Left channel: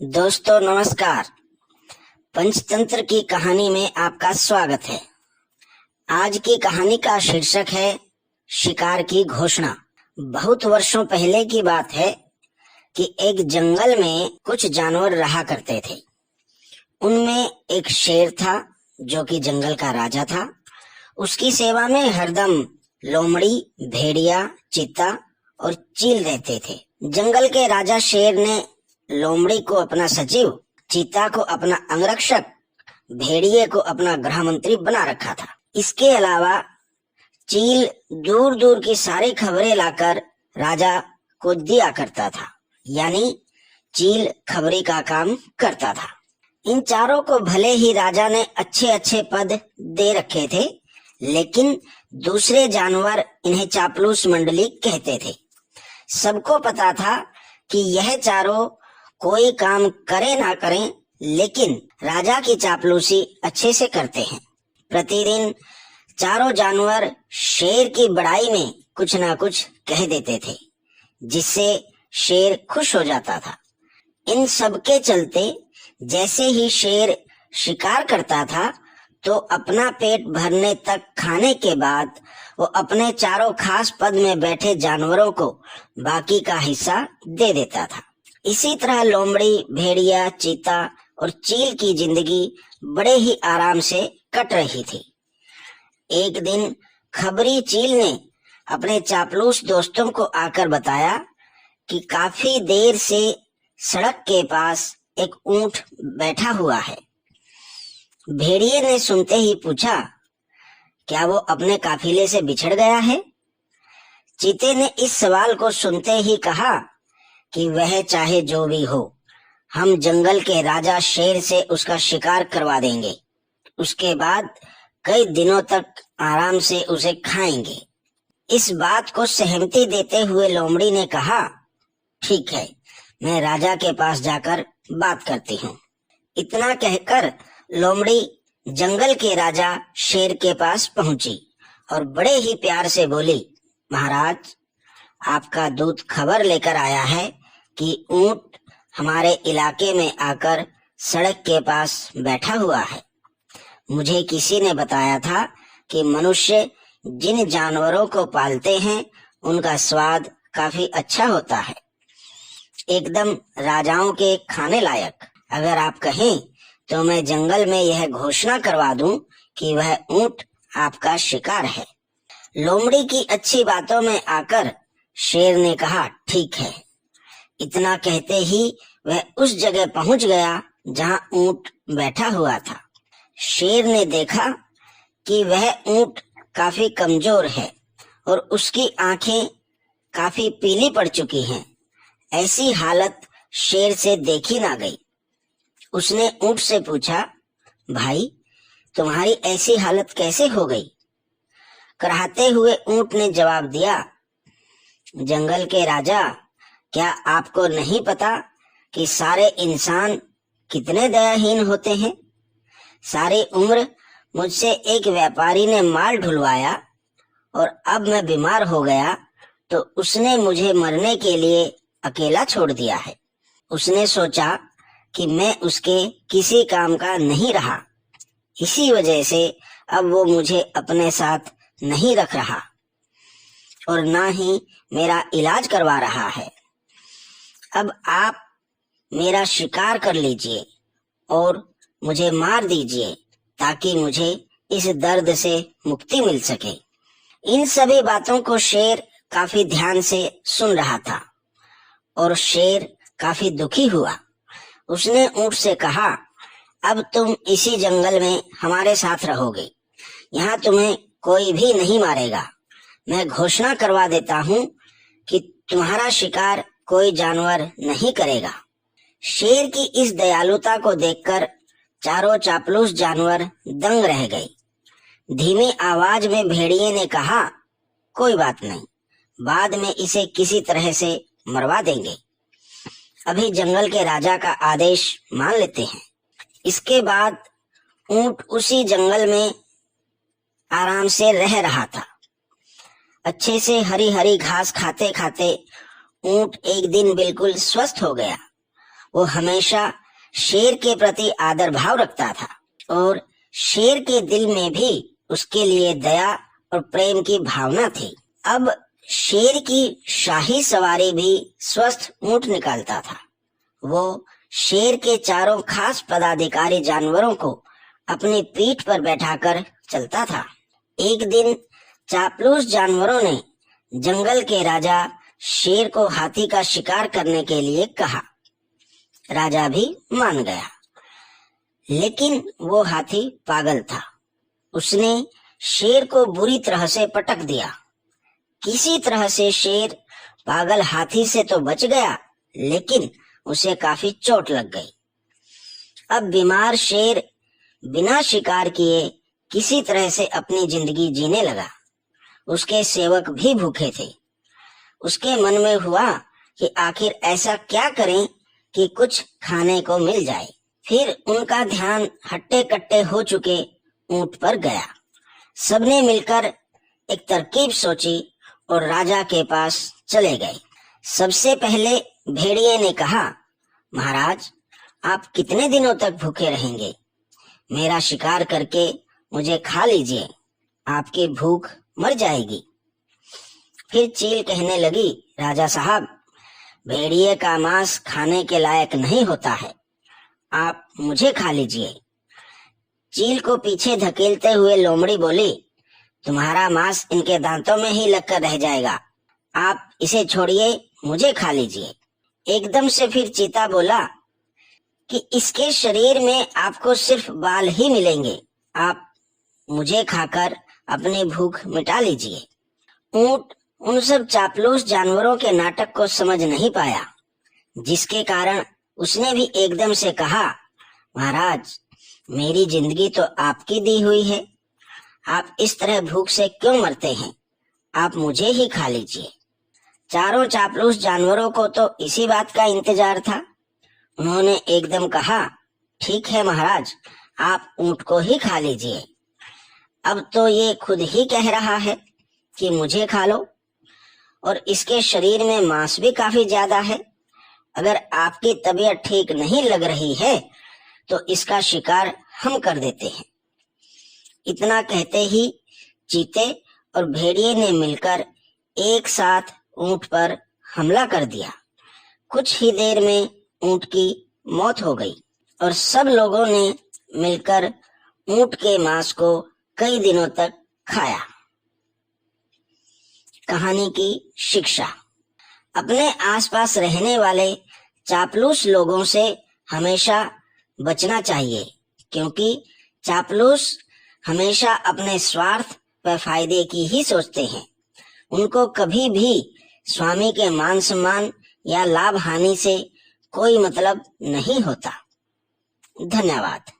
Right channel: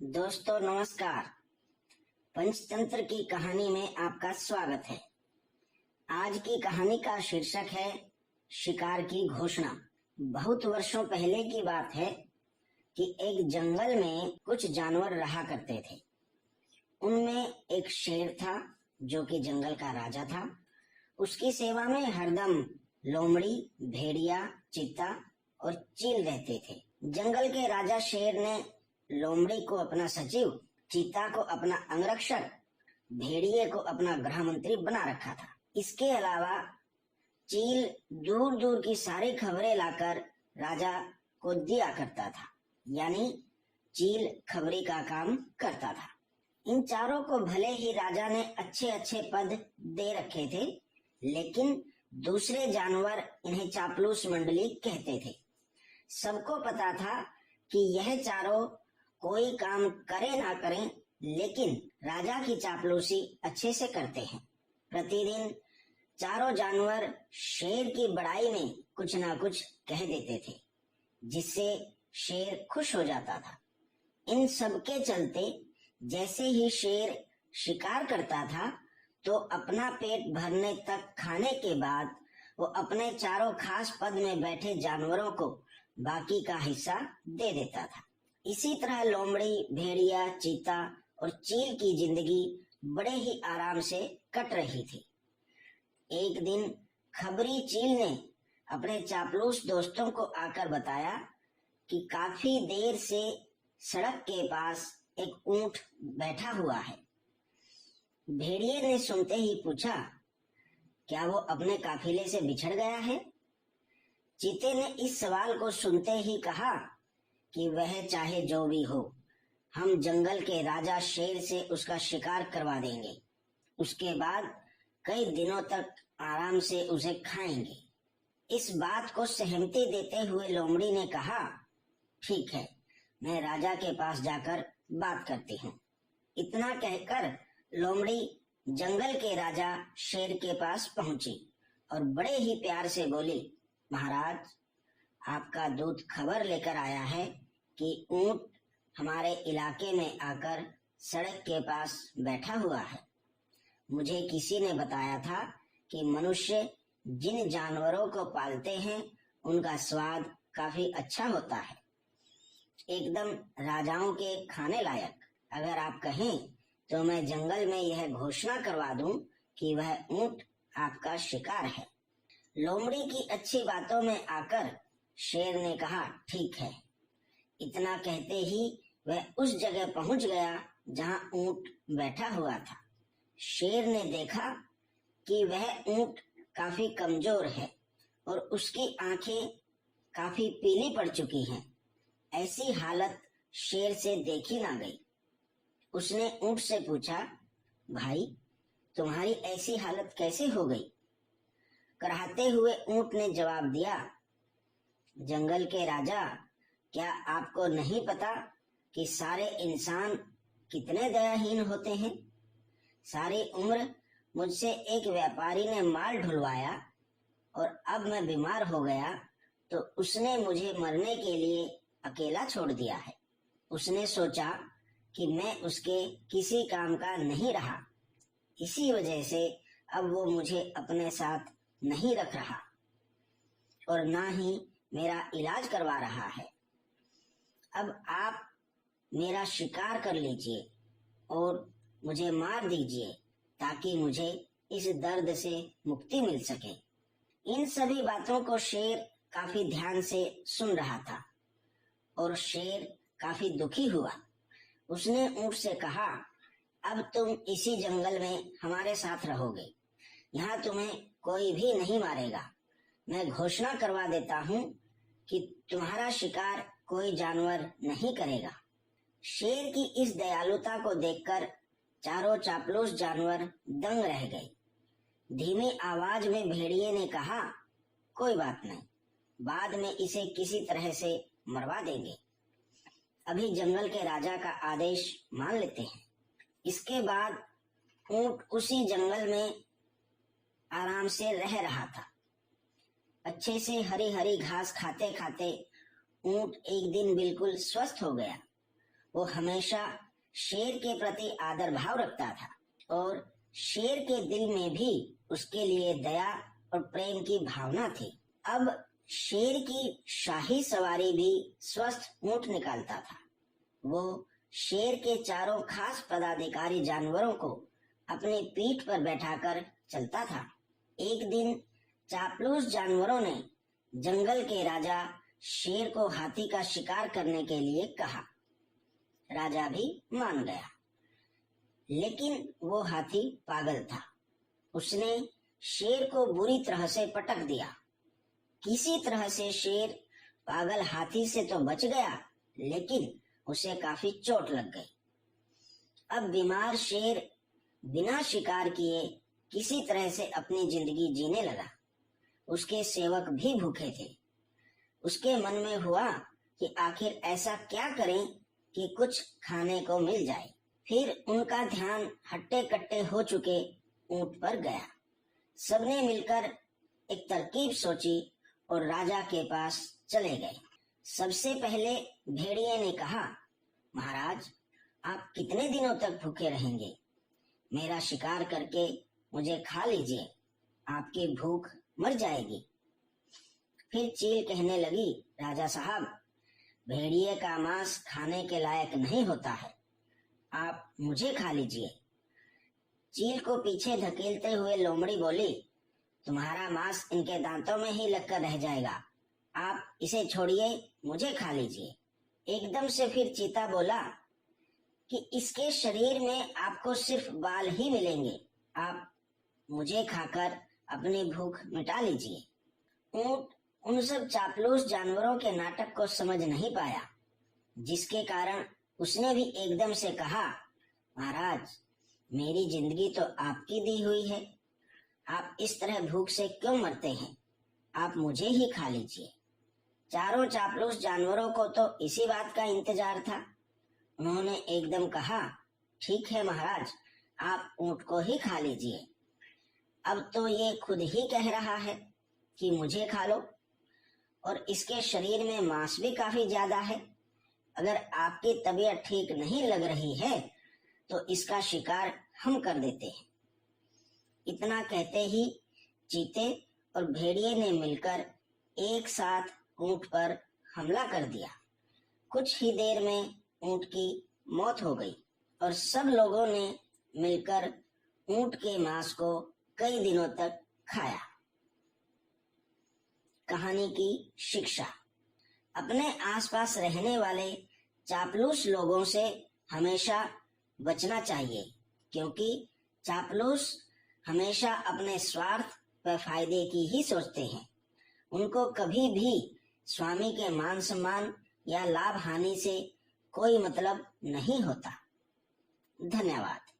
दोस्तों नमस्कार। पंचतंत्र की कहानी में आपका स्वागत है। आज की कहानी का शीर्षक है शिकार की घोषणा। बहुत वर्षों पहले की बात है कि एक जंगल में कुछ जानवर रहा करते थे। उनमें एक शेर था जो कि जंगल का राजा था। उसकी सेवा में हरदम लोमड़ी, भेड़िया, चीता और चील रहते थे। जंगल के राजा शेर ने लोमड़ी को अपना सचिव, चीता को अपना अंगरक्षक, भेड़िए को अपना गृह मंत्री बना रखा था। इसके अलावा चील दूर दूर की सारी खबरें लाकर राजा को दिया करता था, यानी चील खबरी का काम करता था। इन चारों को भले ही राजा ने अच्छे अच्छे पद दे रखे थे, लेकिन दूसरे जानवर इन्हें चापलूस मंडली कहते थे। सबको पता था कि यह चारों कोई काम करे ना करें, लेकिन राजा की चापलूसी अच्छे से करते हैं। प्रतिदिन चारों जानवर शेर की बड़ाई में कुछ ना कुछ कह देते थे, जिससे शेर खुश हो जाता था। इन सब के चलते जैसे ही शेर शिकार करता था तो अपना पेट भरने तक खाने के बाद वो अपने चारों खास पद में बैठे जानवरों को बाकी का हिस्सा दे देता था। इसी तरह लोमड़ी, भेड़िया, चीता और चील की जिंदगी बड़े ही आराम से कट रही थी। एक दिन खबरी चील ने अपने चापलूस दोस्तों को आकर बताया कि काफी देर से सड़क के पास एक ऊंट बैठा हुआ है। भेड़िए ने सुनते ही पूछा, क्या वो अपने काफिले से बिछड़ गया है? चीते ने इस सवाल को सुनते ही कहा कि वह चाहे जो भी हो, हम जंगल के राजा शेर से उसका शिकार करवा देंगे। उसके बाद कई दिनों तक आराम से उसे खाएंगे। इस बात को सहमति देते हुए लोमड़ी ने कहा, ठीक है, मैं राजा के पास जाकर बात करती हूँ। इतना कहकर लोमड़ी जंगल के राजा शेर के पास पहुंची और बड़े ही प्यार से बोली, महाराज, आपका दूत खबर लेकर आया है कि ऊंट हमारे इलाके में आकर सड़क के पास बैठा हुआ है। मुझे किसी ने बताया था कि मनुष्य जिन जानवरों को पालते हैं उनका स्वाद काफी अच्छा होता है, एकदम राजाओं के खाने लायक। अगर आप कहें तो मैं जंगल में यह घोषणा करवा दूं कि वह ऊंट आपका शिकार है। लोमड़ी की अच्छी बातों में आकर शेर ने कहा, ठीक है। इतना कहते ही वह उस जगह पहुंच गया जहां ऊंट बैठा हुआ था। शेर ने देखा कि वह ऊंट काफी कमजोर है और उसकी आंखें काफी पीली पड़ चुकी हैं। ऐसी हालत शेर से देखी ना गई। उसने ऊंट से पूछा, भाई, तुम्हारी ऐसी हालत कैसे हो गई? कराहते हुए ऊंट ने जवाब दिया, जंगल के राजा, क्या आपको नहीं पता कि सारे इंसान कितने दयाहीन होते हैं? सारी उम्र मुझसे एक व्यापारी ने माल ढुलवाया और अब मैं बीमार हो गया तो उसने मुझे मरने के लिए अकेला छोड़ दिया है। उसने सोचा कि मैं उसके किसी काम का नहीं रहा, इसी वजह से अब वो मुझे अपने साथ नहीं रख रहा और ना ही मेरा इलाज करवा रहा है। अब आप मेरा शिकार कर लीजिए और मुझे मार दीजिए ताकि मुझे इस दर्द से मुक्ति मिल सके। इन सभी बातों को शेर काफी ध्यान से सुन रहा था और शेर काफी दुखी हुआ। उसने ऊंट से कहा, अब तुम इसी जंगल में हमारे साथ रहोगे। यहाँ तुम्हें कोई भी नहीं मारेगा। मैं घोषणा करवा देता हूँ कि तुम्हारा शिकार कोई जानवर नहीं करेगा। शेर की इस दयालुता को देखकर चारों चापलूस जानवर दंग रह गए। धीमी आवाज में भेड़िए ने कहा, कोई बात नहीं, बाद में इसे किसी तरह से मरवा देंगे। अभी जंगल के राजा का आदेश मान लेते हैं। इसके बाद ऊंट उसी जंगल में आराम से रह रहा था। अच्छे से हरी हरी घास खाते खाते ऊंट एक दिन बिल्कुल स्वस्थ हो गया। वो हमेशा शेर के प्रति आदर भाव रखता था और शेर के दिल में भी उसके लिए दया और प्रेम की भावना थी। अब शेर की शाही सवारी भी स्वस्थ ऊंट निकालता था। वो शेर के चारों खास पदाधिकारी जानवरों को अपनी पीठ पर बैठाकर चलता था। एक दिन चापलूस जानवरों ने जंगल के राजा शेर को हाथी का शिकार करने के लिए कहा। राजा भी मान गया, लेकिन वो हाथी पागल था। उसने शेर को बुरी तरह से पटक दिया। किसी तरह से शेर पागल हाथी से तो बच गया, लेकिन उसे काफी चोट लग गई। अब बीमार शेर बिना शिकार किए किसी तरह से अपनी जिंदगी जीने लगा। उसके सेवक भी भूखे थे। उसके मन में हुआ कि आखिर ऐसा क्या करें कि कुछ खाने को मिल जाए। फिर उनका ध्यान हट्टे कट्टे हो चुके ऊंट पर गया। सबने मिलकर एक तरकीब सोची और राजा के पास चले गए। सबसे पहले भेड़िए ने कहा, महाराज, आप कितने दिनों तक भूखे रहेंगे? मेरा शिकार करके मुझे खा लीजिए, आपकी भूख मर जाएगी। फिर चील कहने लगी, राजा साहब, भेड़िए का मांस खाने के लायक नहीं होता है, आप मुझे खा लीजिए। चील को पीछे धकेलते हुए लोमड़ी बोली, तुम्हारा मांस इनके दांतों में ही लगकर रह जाएगा, आप इसे छोड़िए, मुझे खा लीजिए। एकदम से फिर चीता बोला कि इसके शरीर में आपको सिर्फ बाल ही मिलेंगे, आप मुझे खाकर अपनी भूख मिटा लीजिए। ऊंट उन सब चापलूस जानवरों के नाटक को समझ नहीं पाया, जिसके कारण उसने भी एकदम से कहा, महाराज, मेरी जिंदगी तो आपकी दी हुई है, आप इस तरह भूख से क्यों मरते हैं? आप मुझे ही खा लीजिए। चारों चापलूस जानवरों को तो इसी बात का इंतजार था। उन्होंने एकदम कहा, ठीक है महाराज, आप ऊंट को ही खा लीजिए। अब तो ये खुद ही कह रहा है कि मुझे खा लो, और इसके शरीर में मांस भी काफी ज्यादा है। अगर आपकी तबीयत ठीक नहीं लग रही है तो इसका शिकार हम कर देते हैं। इतना कहते ही चीते और भेड़िए ने मिलकर एक साथ ऊंट पर हमला कर दिया। कुछ ही देर में ऊंट की मौत हो गई और सब लोगों ने मिलकर ऊंट के मांस को कई दिनों तक खाया। कहानी की शिक्षा। अपने आसपास रहने वाले चापलूस लोगों से हमेशा बचना चाहिए, क्योंकि चापलूस हमेशा अपने स्वार्थ व फायदे की ही सोचते हैं। उनको कभी भी स्वामी के मान सम्मान या लाभ हानि से कोई मतलब नहीं होता। धन्यवाद।